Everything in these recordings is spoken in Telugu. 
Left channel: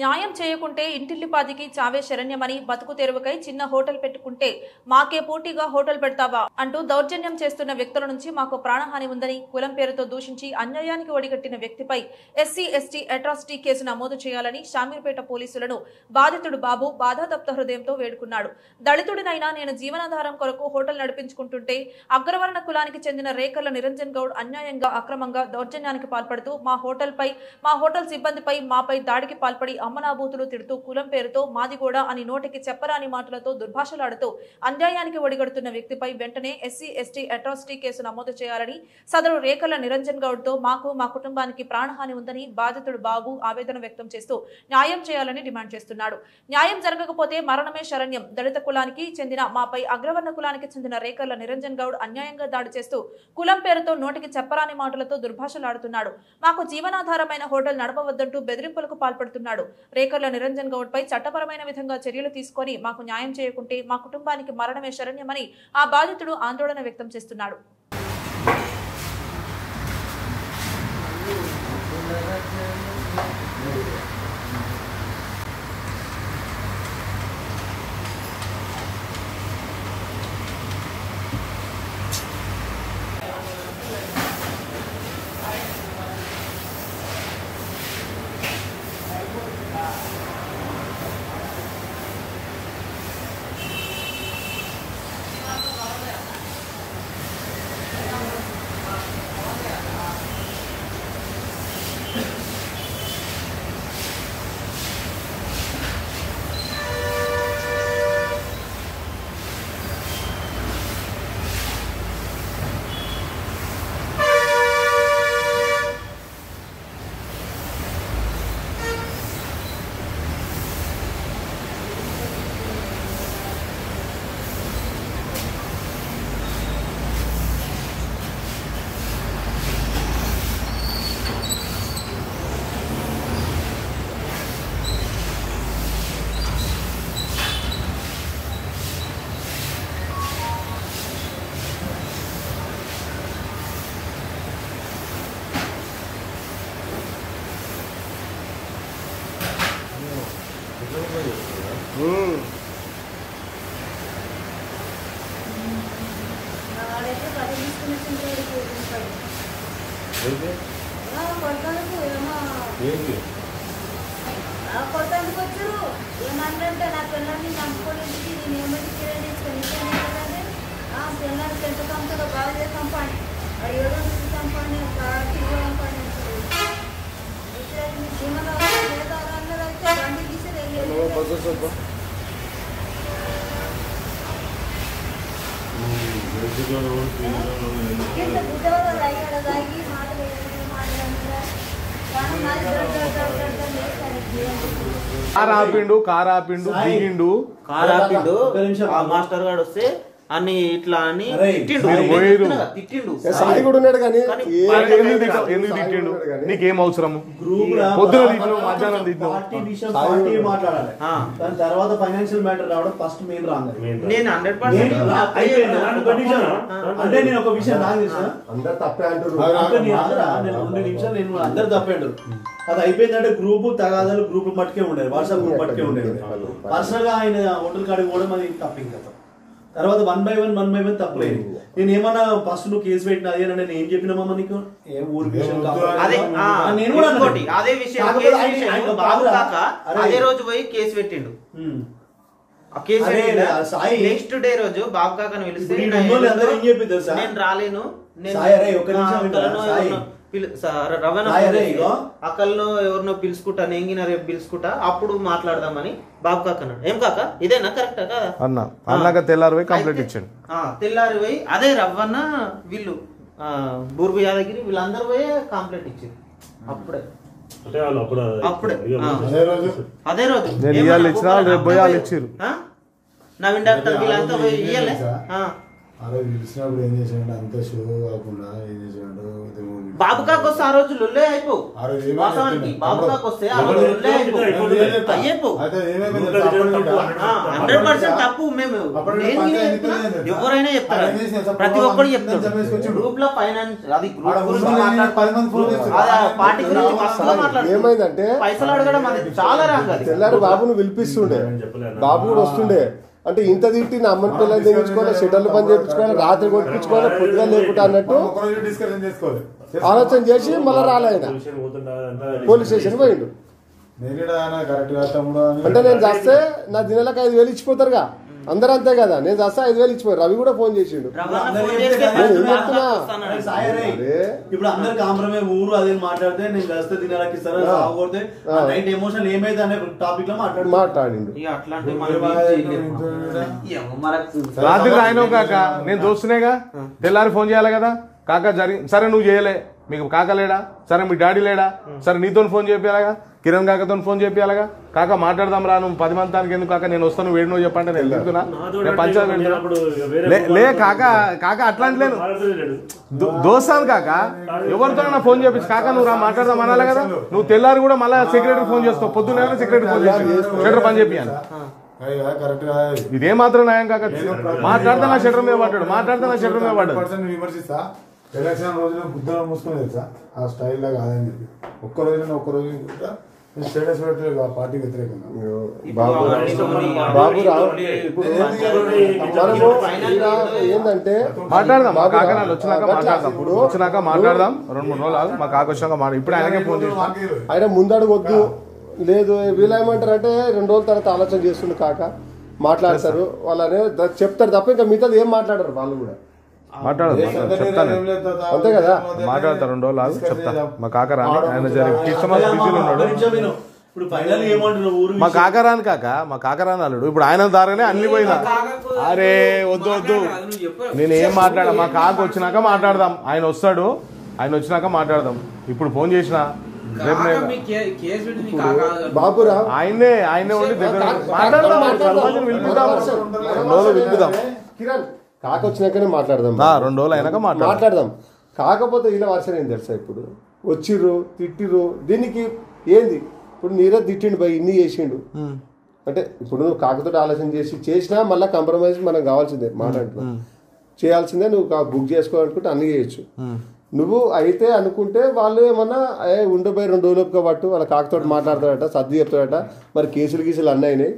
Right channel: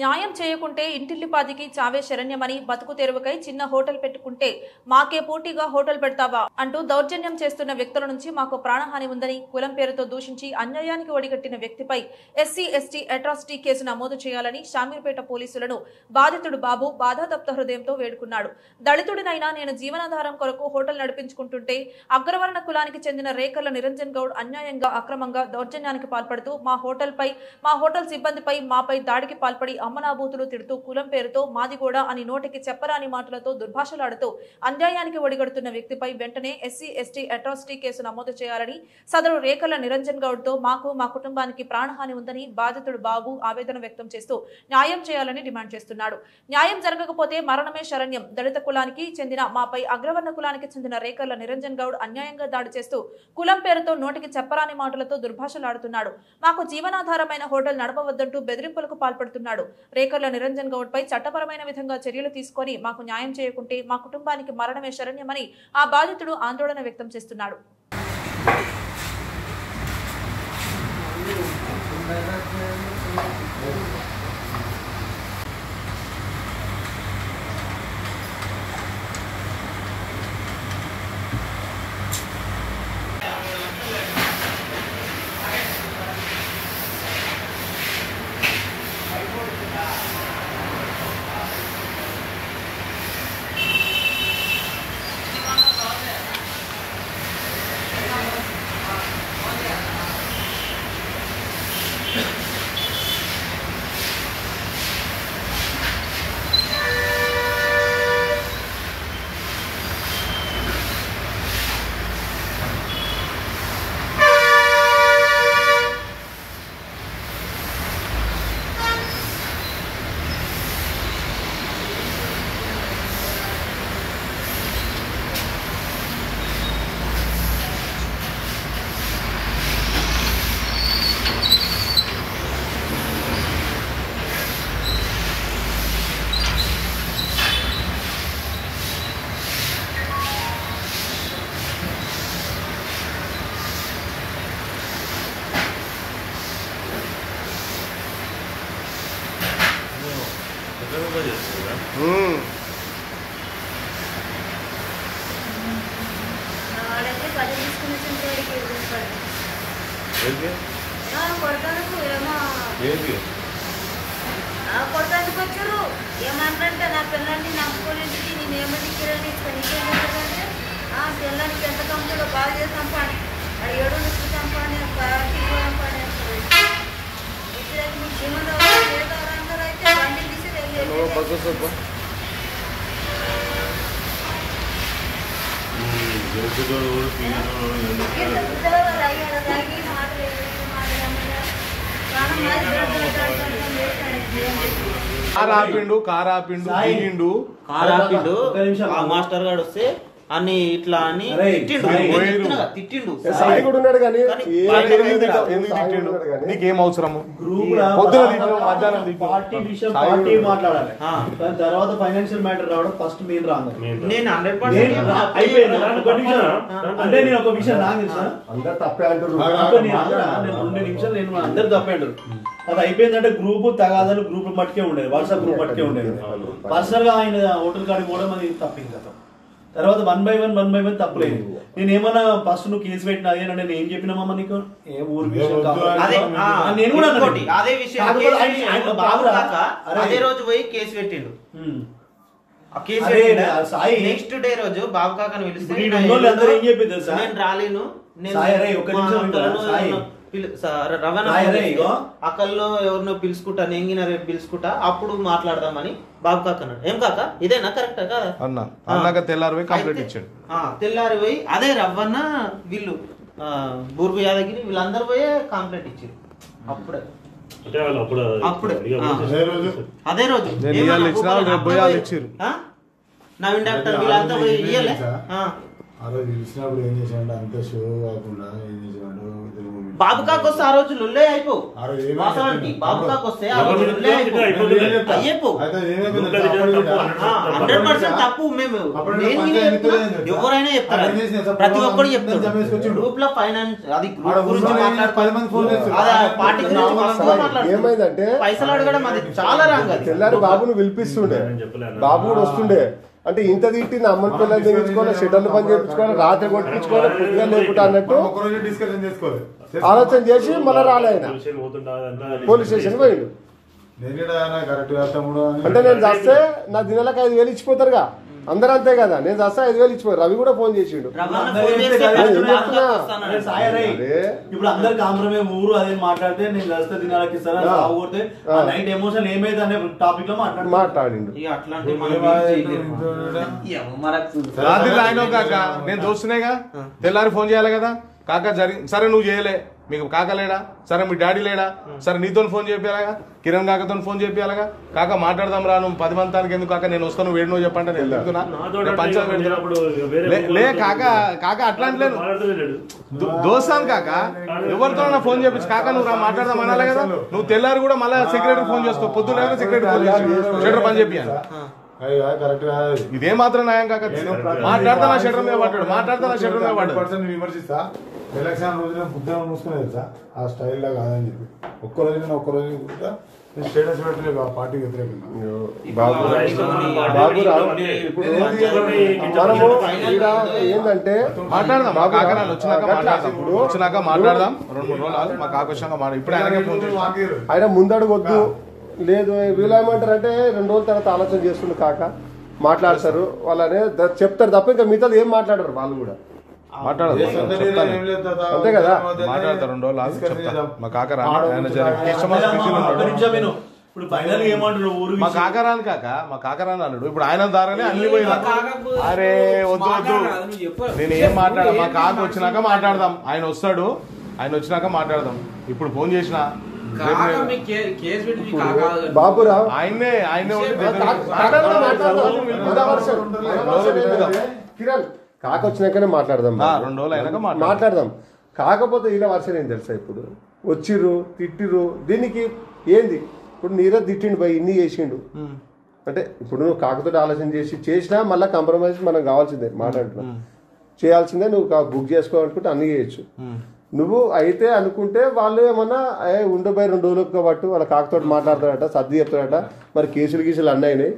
న్యాయం చేయకుంటే ఇంటిల్లిపాదికి చావే శరణ్యమని బతుకు తెరువుకై చిన్న హోటల్ పెట్టుకుంటే మాకే పోటీగా హోటల్ పెడతావా అంటూ దౌర్జన్యం చేస్తున్న వ్యక్తుల నుంచి మాకు ప్రాణహాని ఉందని కులం పేరుతో దూషించి అన్యాయానికి ఒడిగట్టిన వ్యక్తిపై ఎస్సీ ఎస్టీ అట్రాసిటీ కేసు నమోదు చేయాలని షామీర్పేట పోలీసులను బాధితుడు బాబు బాధాతప్త హృదయంతో వేడుకున్నాడు. దళితుడినైనా నేను జీవనాధారం కొరకు హోటల్ నడిపించుకుంటుంటే అగ్రవర్ణ కులానికి చెందిన రేకర్ల నిరంజన్ గౌడ్ అన్యాయంగా అక్రమంగా దౌర్జన్యానికి పాల్పడుతూ మా హోటల్ సిబ్బందిపై మాపై దాడికి పాల్పడి అమ్మనాబూతులు తిడుతూ కులం పేరుతో మాదిగూడ అని నోటికి చెప్పరాని మాటలతో దుర్భాషలాడుతూ అన్యాయానికి ఒడిగడుతున్న వ్యక్తిపై వెంటనే ఎస్సీ ఎస్టీ అట్రాసిటీ కేసు నమోదు చేయాలని సదరు రేకల నిరంజన్ గౌడ్ తో మాకు మా కుటుంబానికి ప్రాణహాని ఉందని బాధితుడు బాబు ఆవేదన వ్యక్తం చేస్తూ న్యాయం చేయాలని డిమాండ్ చేస్తున్నాడు. న్యాయం జరగకపోతే మరణమే శరణ్యం. దళిత కులానికి చెందిన మాపై అగ్రవర్ణ కులానికి చెందిన రేకల నిరంజన్ గౌడ్ అన్యాయంగా దాడి చేస్తూ కులం పేరుతో నోటికి చెప్పరాని మాటలతో దుర్భాషలాడుతున్నాడు. మాకు జీవనాధారమైన హోటల్ నడపవద్దంటూ బెదిరింపులకు పాల్పడుతున్నాడు. రేకర్ల నిరంజన్ గౌడ్ పై చట్టపరమైన విధంగా చర్యలు తీసుకొని మాకు న్యాయం చేయకుంటే మా కుటుంబానికి మరణమే శరణ్యమని ఆ బాధితుడు ఆందోళన వ్యక్తం చేస్తున్నాడు. కొడతానికి వచ్చారు ఏమంటే నా పిల్లల్ని నమ్ముకోలేందుకు నేను ఏమని పిల్లలకి ఎంత కంపెనీలో బాగా చేసి చంపాలి అది 7 నుంచి చంపాలి చంపాలి మీకు జీవనాధారం అయితే బండి తీసి తాగి మాటలు కార్ ఆపిండు మాస్టర్ గారు వస్తే అన్ని ఇట్లా అని తిట్టిండు. నీకేం అవసరం మాట్లాడాలి తర్వాత ఫైనాన్షియల్ మ్యాటర్ రావడం ఫస్ట్ మెయిన్ రాంగ్. నేను 100% అంటే నేను ఒక విషయం నాకు అందరు తప్పే అంటారు. 2 నిమిషాలు నేను అందరు తప్పే అంటారు. అది అయిపోయిందంటే గ్రూప్ తగాదాలు గ్రూప్ మట్టుకే ఉండేది, వాట్సాప్ గ్రూప్ మట్టుకే ఉండేది. పర్సనల్ గా ఆయన హోటల్ కాడికి పోవడం అది తప్పింది కదా. తర్వాత 1 by 1 తప్పలేదు. నేను ఏమన్నా ఫస్ట్ నువ్వు కేసు పెట్టిన అదే నేను ఏం చెప్పినామమ్మా నీకు ఏ ఊరి విషయం నేను కూడా అదే విషయం అదే రోజు పోయి కేసు పెట్టిండు. నెక్స్ట్ డే రోజు బాబు కాకని పిలిస్తే అందరూ ఏం చెప్పేది సార్ నేను రాలేను రవాణా అక్కల్లో ఎవరినో పిలుచుకుంటా నేంగిన రేపు పిలుచుకుంటా అప్పుడు మాట్లాడదామని బాబు కాక అన్నాడు. ఏం కాక ఇదేనా కరెక్టా కదా అన్న తెల్లారి పోయి అదే రవ్వన్న వీళ్ళు బూర్గు యాదగిరి వీళ్ళందరూ పోయే కంప్లైంట్ ఇచ్చారు. అప్పుడే అదే రోజు నవీన్ డాక్టర్ వీళ్ళంతా పోయి ఇయ్యలే ఆ రోజు పిలిచినప్పుడు ఏం చేసాడు అంత షో కాకుండా ఏం చేసాడు బాబుకాకు వస్తే ఆ రోజు లొల్లే అయిపో వాస్తవానికి బాబుకాకు వస్తే ఆ రోజు లొల్లే అయిపో 100% తప్పు. మేము ఎవరైనా చెప్తారు, ప్రతి ఒక్కరు చెప్తారు. గ్రూప్ లో ఫైనాన్స్ అది గ్రూప్ గురించి పార్టీ గురించి మాట్లాడుతున్నారు. ఏమైందంటే పైసలు అడగడం అది చాలా రాంగ్. అది తెల్లారి బాబును పిలిపిస్తుండే, బాబు కూడా వస్తుండే. అంటే ఇంత తిట్టింది అమ్మని పిల్లలు తెగించుకోవాలి, షెడ్యూల్ పని చేయించుకోవాలి, రాత్రి కొట్టించుకోవాలి, పొద్దుగా లేకుండా అన్నట్టు ఆలోచన చేసి మళ్ళీ రాలే ఆయన పోలీస్ స్టేషన్ పోయిండు. అంటే నేను చేస్తే నా దినాలకు 5,000 ఇచ్చిపోతారుగా, అందరూ అంతే కదా. నేను చేస్తే 5,000 ఇచ్చిపోయారు. రవి కూడా ఫోన్ చేసిండు. ఇప్పుడు అందరు కాంప్రమే ఊరు అదే మాట్లాడితే నేను చేస్తే దినాలకి ఇస్తారా కొడితే నైట్ ఎమోషన్ ఏమైతే అనే టాపిక్ లో మాట్లాడిండు. రాత్రి ఆయన కాక నేను చూస్తున్నాయిగా, తెల్లారి ఫోన్ చేయాలి కదా. కాక జరిగి సరే నువ్వు చేయలే, మీకు కాక లేడా, సరే మీ డాడీ లేడా, సరే నీతో ఫోన్ చేయాలగా, కిరణ్ కాకతో ఫోన్ చేయాలగా. కాక మాట్లాడదాం రా, నువ్వు 10 మంది ఎందుకు కాక నేను వస్తాను, వేడి నువ్వు చెప్పంటే నేను ఎందుకున్నా లే కాక. కాక అట్లాంటి లేదు, దోస్తాను కాక. ఎవరితో ఫోన్ చేపించి కాక నువ్వు రా మాట్లాడదాం అనాలి కదా. నువ్వు తెల్లారి కూడా మళ్ళీ సెక్రటరీ ఫోన్ చేస్తావు, పొద్దున్న సెక్రటరీ ఫోన్ చేస్తావు పని చెప్పాను. ఇదే మాత్రం న్యాయం కాక. మాట్లాడతానా షెటర్ మీద పడ్డాడు, మాట్లాడతానా షెటర్ మీద పడ్డాడు. విమర్శిస్తా ఎలక్షన్ రోజున బుద్ధ మూసుకుని తెలుసా ఆ స్టైల్ లా కాదని చెప్పి ఒక్క రోజు కూడా స్టేటస్ పెట్టలేదు ఆ పార్టీకి వ్యతిరేకంగా. బాబురావు ఇప్పుడు మనము ఏంటంటే మాట్లాడదాం, బాబు వచ్చినాక మాట్లాడదాం. 2-3 రోజులు మాకు ఆకర్షంగా ఇప్పుడు ఆయన ముందడుగొద్దు లేదు. వీళ్ళేమంటారు అంటే 2 రోజుల తర్వాత ఆలోచన చేస్తుండు కాక మాట్లాడతారు వాళ్ళనే చెప్తారు తప్ప ఇంకా మిగతాది ఏం మాట్లాడరు. వాళ్ళు కూడా మాట్లాడదు అంతే కదా, మాట్లాడతారు. 2 రోజులు చెప్తా. మా కాకరా మా కాకరాని కాక మా కాకరాని అల్లుడు ఇప్పుడు ఆయన దారనే అన్ని పోయినా. అరే వద్దు వద్దు నేనేం మాట్లాడా, మా కాక వచ్చినాక మాట్లాడదాం. ఆయన వస్తాడు, ఆయన వచ్చినాక మాట్లాడదాం. ఇప్పుడు ఫోన్ చేసిన బాబురావు ఆయనే కిరణ్ కాక వచ్చినాకనే మాట్లాడదాం. 2 రోజులు అయినాక మాట్లాడదాం. కాకపోతే ఇలా వర్షం ఏం తెలుసా, ఇప్పుడు వచ్చిర్రు తిట్టిర్రు దీనికి ఏంది. ఇప్పుడు నీరజ్ తిట్టిండు పోయి ఇన్ని చేసిండు అంటే ఇప్పుడు నువ్వు కాకతో ఆలోచన చేసినా మళ్ళీ కాంప్రమైజ్ మనం కావాల్సిందే, మాట్లాడుతున్నాం చేయాల్సిందే. నువ్వు బుక్ చేసుకోవాలనుకుంటే అన్ని చేయొచ్చు. నువ్వు అయితే అనుకుంటే వాళ్ళు ఏమన్నా ఉండిపోయి 2 రోజులకు పట్టు వాళ్ళ కాకతో మాట్లాడతాడట, సర్ది చెప్తాడట. మరి కేసులు అన్నీ అయినాయి,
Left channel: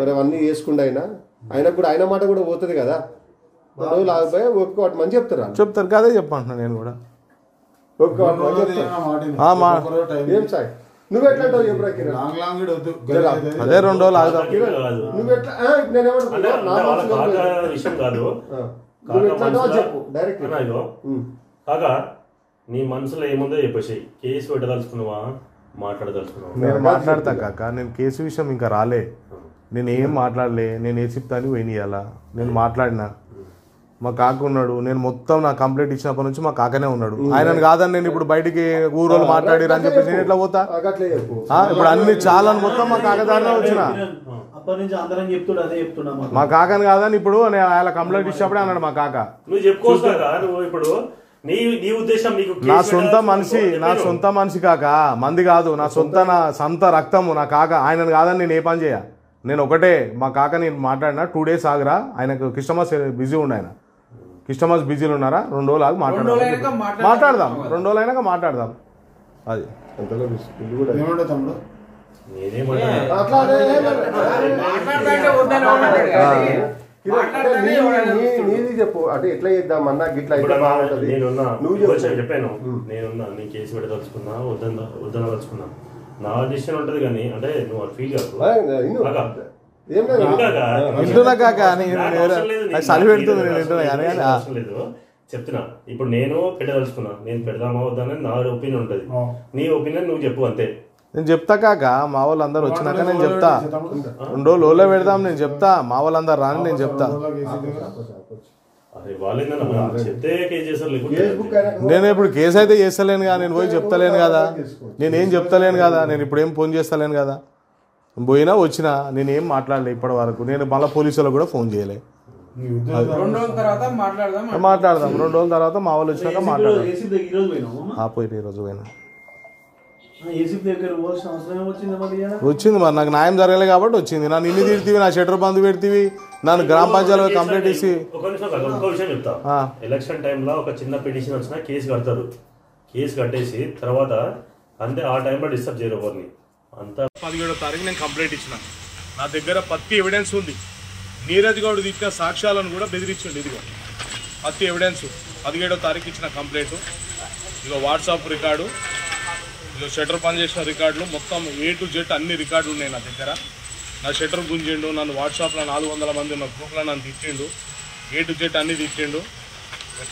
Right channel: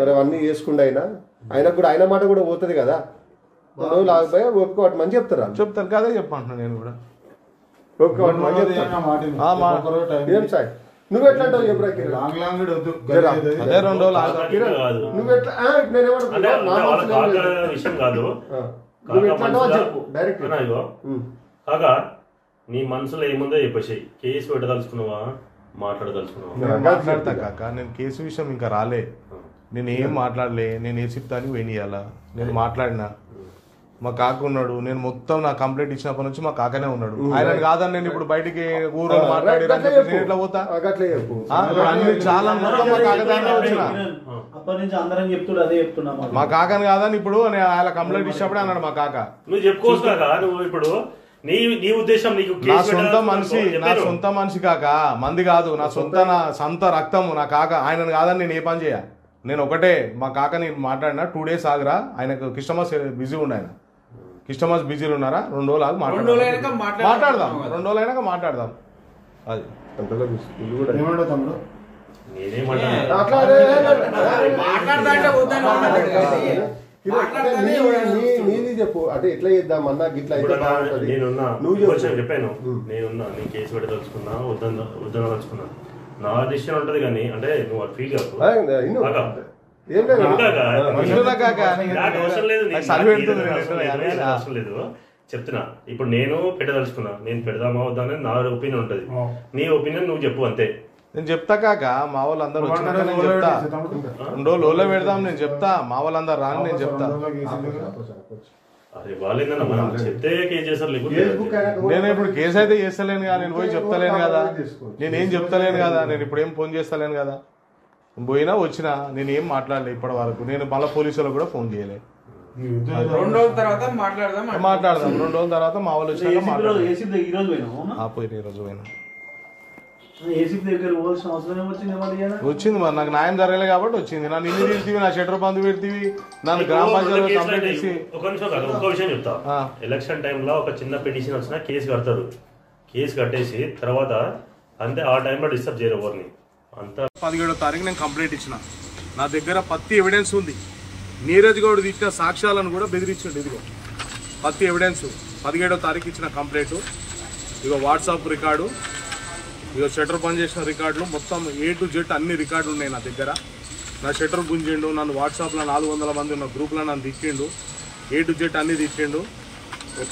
మరి అవన్నీ చేసుకుండా అయినా కూడా ఆయన మాట కూడా పోతుంది కదా. 2 రోజులు ఆగిపోయి ఒప్పుకోవటమని చెప్తారు కదా. చెప్పంటున్నా నేను కూడా ఒప్పుకోవటమని చెప్తాను. ఏం సాయి నువ్వు ఎట్లా అంటావు చెప్పరా కిరణ్? అదే 2 రోజులు నువ్వు ఎట్లా నువ్వు ఎట్లా అంటావు చెప్పు డైరెక్ట్. కాగా నీ మనసులో ఏముందో చెప్పేసి కేసు పెట్టదలుచుకున్నావా మాట్లాడదలుచుకున్నావా? మాట్లాడతా కాక. నేను కేసు విషయం ఇంకా రాలే, నేను ఏం మాట్లాడలే. నేను ఏ చెప్తాను పోయినాయాలా నేను మాట్లాడినా. మా కాక ఉన్నాడు, నేను మొత్తం నా కంప్లైంట్ ఇచ్చినప్పటి నుంచి మా కాకనే ఉన్నాడు. ఆయన కాదని నేను ఇప్పుడు బయటికి ఊరు మాట్లాడి ఎట్లా పోతా. ఇప్పుడు అన్ని చాలా మొత్తం మా కాకదానే వచ్చిన అప్పటి నుంచి అందరం చెప్తుడు అదే చెప్తున్నా. మా కాకని కాదని ఇప్పుడు ఆయన కంప్లైంట్ ఇచ్చినప్పుడే అన్నాడు మా కాక. నువ్వు చెప్పుకోవచ్చు కాక. నువ్వు ఇప్పుడు నీ ఉద్దేశం నీకు నా సొంత మనిషి కాక, మంది కాదు. నా సొంత రక్తము నా కాక. ఆయనను కాదని నేను ఏ పని చేయ. నేను ఒకటే మా కాకని మాట్లాడినా 2 days ఆగరా, ఆయనకు కస్టమర్స్ బిజీ ఉండి, ఆయన కస్టమర్స్ బిజీలు ఉన్నారా, 2 రోజులు ఆగి మాట్లాడదాం. 2 రోజులు అయినాక మాట్లాడదాం. అది తమ్ముడు నీది చెప్పు అంటే ఎట్లా చేద్దాం అన్నా గిట్లా అయితే బాగుంటది. చెప్పాను నేనున్నా, నీ కేసు పెట్టదలుచుకున్నా వద్దనదలుచుకున్నా నా డిసిషన్ ఉంటది. కానీ అంటే నువ్వు అది ఫీల్ కాదు. చెప్తున్నా ఇప్పుడు నేను పెట్టదలుచుకున్నా, నేను పెడదామా వద్దా అనేది నా ఒపీనియన్ ఉంటది. నీ ఒపీనియన్ నువ్వు చెప్పు అంతే. నేను చెప్తా కాక. మా వాళ్ళందరూ వచ్చినాక నేను చెప్తా. 2 రోజులు పెడదాం నేను చెప్తా. మా వాళ్ళందరూ రాని నేను చెప్తా. నేను ఇప్పుడు కేసు అయితే చేస్తలేను కదా, నేను పోయి చెప్తలేను కదా, నేనేం చెప్తలేను కదా, నేను ఇప్పుడు ఏం ఫోన్ చేస్తలేను కదా. పోయినా వచ్చినా నేనేం మాట్లాడలే ఇప్పటి వరకు. నేను మళ్ళీ పోలీసులకు కూడా ఫోన్ చేయలే. 2 రోజుల తర్వాత మాట్లాడదాం 2 రోజుల తర్వాత మా వాళ్ళు వచ్చినాక మాట్లాడదాం. ఈ రోజు పోయినావు పోయి ఈ రోజు పోయినాం. ఏసీపీ దగ్గర పోవాల్సిన అవసరం వచ్చింది వచ్చింది మరి నాకు న్యాయం జరగలేదు కాబట్టి వచ్చింది. నన్ను ఇల్లు తిడితివి, నా షట్టర్ బంద్ పెడితివి, నన్ను గ్రామ పంచాయతీ కంప్లీట్ చేసి. ఒక విషయం చెప్తా. ఎలక్షన్ టైంలో ఒక చిన్న పిటిషన్ వచ్చినా కేసు కడతారు. కేసు కట్టేసి తర్వాత అంతే ఆ టైంలో డిస్టర్బ్ చేయరు ఎవరిని. అంతా 17వ తారీఖు నేను కంప్లైంట్ ఇచ్చిన. నా దగ్గర పత్తి ఎవిడెన్స్ ఉంది. నీరజ్ గౌడ్ ఇచ్చిన సాక్ష్యాలను కూడా బెదిరించండి. ఇదిగో పత్తి ఎవిడెన్స్ 17వ తారీఖు ఇచ్చిన కంప్లైంట్. ఇదిగో వాట్సాప్ రికార్డు, ఇదిగో షట్టర్ బంద్ చేసిన రికార్డులు, మొత్తం A to Z అన్ని రికార్డులు ఉన్నాయి నా దగ్గర. నా షట్టర్ గుంజిండు, నన్ను వాట్సాప్లో 400 మంది ఉన్న గ్రూప్లో నన్ను తిట్టిండు, A to Z అన్ని తిట్టిండు.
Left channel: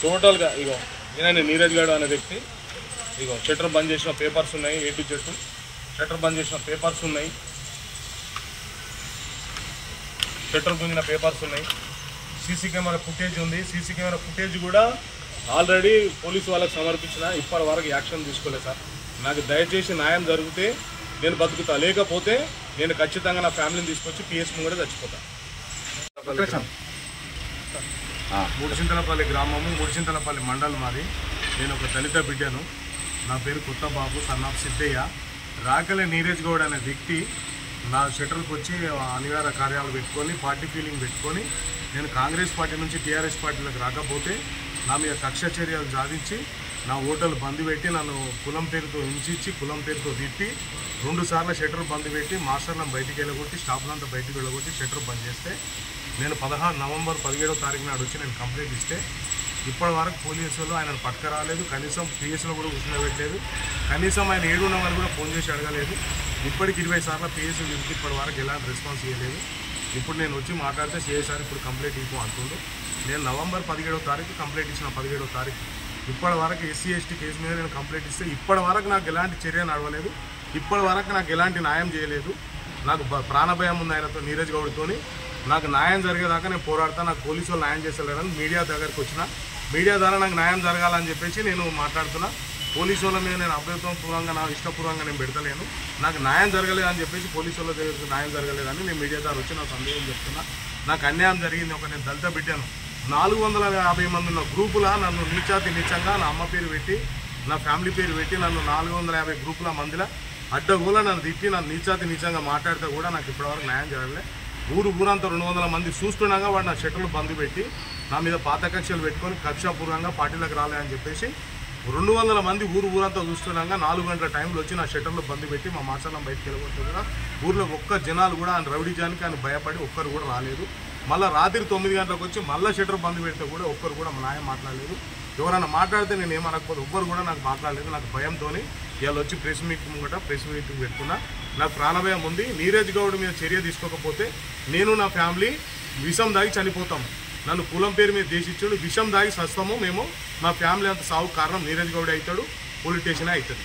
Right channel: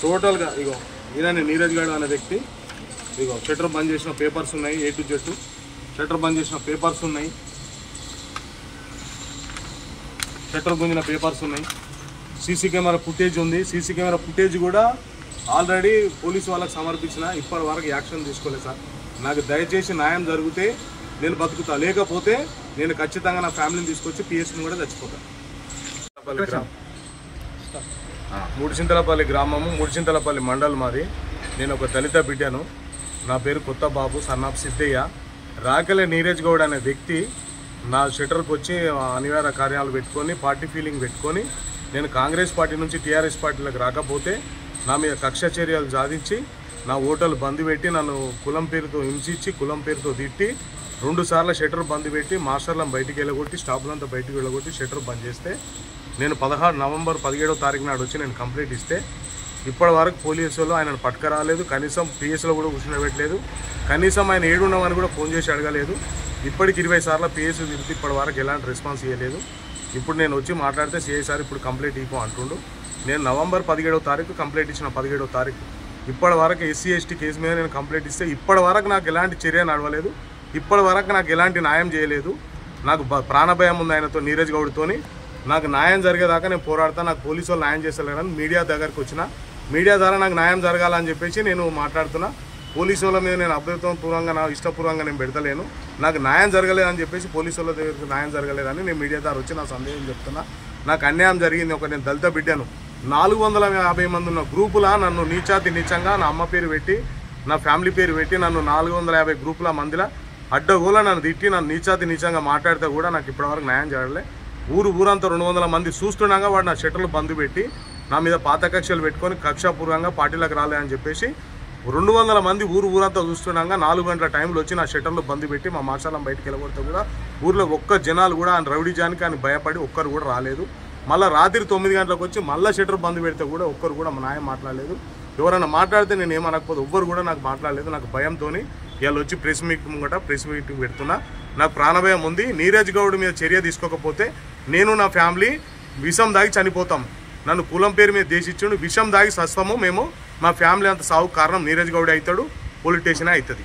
టోటల్గా ఇగో ఈయన నీరజ్ గౌడ్ అనే వ్యక్తి. ఇగో షట్టర్ బంద్ చేసిన పేపర్స్ ఉన్నాయి, A to Z షట్టర్ బంద్ చేసిన పేపర్స్ ఉన్నాయి, షట్టర్ గుంజిన పేపర్స్ ఉన్నాయి. సీసీ కెమెరా ఫుటేజ్ ఉంది. సీసీ కెమెరా ఫుటేజ్ కూడా ఆల్రెడీ పోలీసు వాళ్ళకి సమర్పించిన, ఇప్పటి వరకు యాక్షన్ తీసుకోలేదు సార్. నాకు దయచేసి న్యాయం జరిగితే నేను బతుకుతా, లేకపోతే నేను ఖచ్చితంగా నా ఫ్యామిలీని తీసుకొచ్చి పిఎస్ని కూడా చచ్చిపోతాను. ముడిచింతలపల్లి గ్రామము, ముడిచింతలపల్లి మండలం మాది. నేను ఒక దళిత బిడ్డను. నా పేరు కొత్త బాబు, సన్నాఫ్ సిద్ధయ్య. రాకెల నీరజ్ గౌడ్ అనే వ్యక్తి నా షెటర్కి వచ్చి అనివార్య కార్యాలు పెట్టుకొని, పార్టీ ఫీలింగ్ పెట్టుకొని, నేను కాంగ్రెస్ పార్టీ నుంచి టీఆర్ఎస్ పార్టీలకు రాకపోతే నా మీద కక్ష చర్యలు సాధించి నా ఓటర్లు బంద్ పెట్టి, నన్ను కులం పేరుతో హింసించి, కులం పేరుతో తిట్టి 2 సార్లు షట్టర్ బంద్ పెట్టి, మాస్టర్లను బయటికి వెళ్ళగొట్టి, స్టాఫ్లంతా బయటికి వెళ్ళగొట్టి షట్టర్ బంద్ చేస్తే, నేను నవంబర్ 17వ తారీఖు నాడు వచ్చి నేను కంప్లైంట్ ఇస్తే ఇప్పటి వరకు పోలీసులు ఆయనను పట్టుకురాలేదు. కనీసం పిఎస్లో కూడా కూర్చుండబెట్టలేదు. కనీసం ఆయన ఏడున్నామని కూడా ఫోన్ చేసి అడగలేదు. ఇప్పటికి 20 సార్లు పిఎస్ తిరిగి ఇప్పటి వరకు ఎలాంటి రెస్పాన్స్ ఇవ్వలేదు. ఇప్పుడు నేను వచ్చి మాట్లాడితే సిఐసారి ఇప్పుడు కంప్లైంట్ ఇవ్వం అంటుండు. నేను నవంబర్ 17వ తారీఖు కంప్లైంట్ ఇచ్చిన. 17వ తారీఖు ఇప్పటి వరకు ఎస్సీ ఎస్టీ కేసు మీద నేను కంప్లైంట్ ఇస్తే ఇప్పటి వరకు నాకు ఎలాంటి చర్య నడవలేదు. ఇప్పటి వరకు నాకు ఎలాంటి న్యాయం చేయలేదు. నాకు ప్రాణభయం ఉంది ఆయనతో, నీరజ్ గౌడ్తోని. నాకు న్యాయం జరిగేదాకా నేను పోరాడతా. నాకు పోలీసు వాళ్ళు న్యాయం చేస్తలేరని మీడియా దగ్గరికి వచ్చిన. మీడియా ద్వారా నాకు న్యాయం జరగాలని చెప్పేసి నేను మాట్లాడుతున్నా. పోలీసు వాళ్ళ మీద నేను అభ్యర్థపూర్వంగా, నా ఇష్టపూర్వంగా నేను పెడతలేను. నాకు న్యాయం జరగలేదని చెప్పేసి పోలీసు వాళ్ళ దగ్గరికి న్యాయం జరగలేదని నేను మీడియా ద్వారా వచ్చి నా సందేహం చెప్తున్నా. నాకు అన్యాయం జరిగింది. నేను దళిత బిడ్డను. 450 మంది ఉన్న గ్రూపులా నన్ను నీచంగా నా అమ్మ పేరు పెట్టి, నా ఫ్యామిలీ పేరు పెట్టి, నన్ను 450 గ్రూపుల మందిలో అడ్డగోలా నన్ను తిట్టి, నన్ను నీచంగా మాట్లాడితే కూడా నాకు ఇప్పటివరకు న్యాయం జరగలే. ఊరంతా 200 మంది చూస్తుండగా వాడు నా షట్టర్లు బంద్ పెట్టి, నా మీద పాత కక్షలు పెట్టుకొని కక్షాపూర్వంగా పార్టీలకు రాలేదని చెప్పేసి 200 మంది ఊరంతా చూస్తుండగా 4 గంటల టైంలో వచ్చి నా షట్టర్లు బంద్ పెట్టి మా మాసాలం బయటికి వెళ్ళగొడితే కూడా ఊర్లో ఒక్క జనాలు కూడా ఆయన రౌడీజానికి ఆయన భయపడి ఒక్కరు కూడా రాలేదు. మళ్ళీ రాత్రి 9 గంటలకు వచ్చి మళ్ళీ షట్టర్ బంద్ పెడితే కూడా ఒక్కరు కూడా మా న్యాయం మాట్లాడలేదు. ఎవరైనా మాట్లాడితే నేను ఏమనకపోతే ఒక్కరు కూడా నాకు మాట్లాడలేదు. నాకు భయంతో ఇవాళ వచ్చి ప్రెస్ మీటింగ్ పెడుతున్నా. నాకు ప్రాణభయం ఉంది. నీరజ్ గౌడ్ మీద చర్య తీసుకోకపోతే నేను నా ఫ్యామిలీ విషం దాగి చనిపోతాం. నన్ను కులం పేరు మీద దేశించాడు, విషం దాగి సస్తాము మేము. మా ఫ్యామిలీ అంత సాగు కారణం నీరజ్ గౌడ్ అవుతాడు, పొలిటీషియన్ అవుతుంది.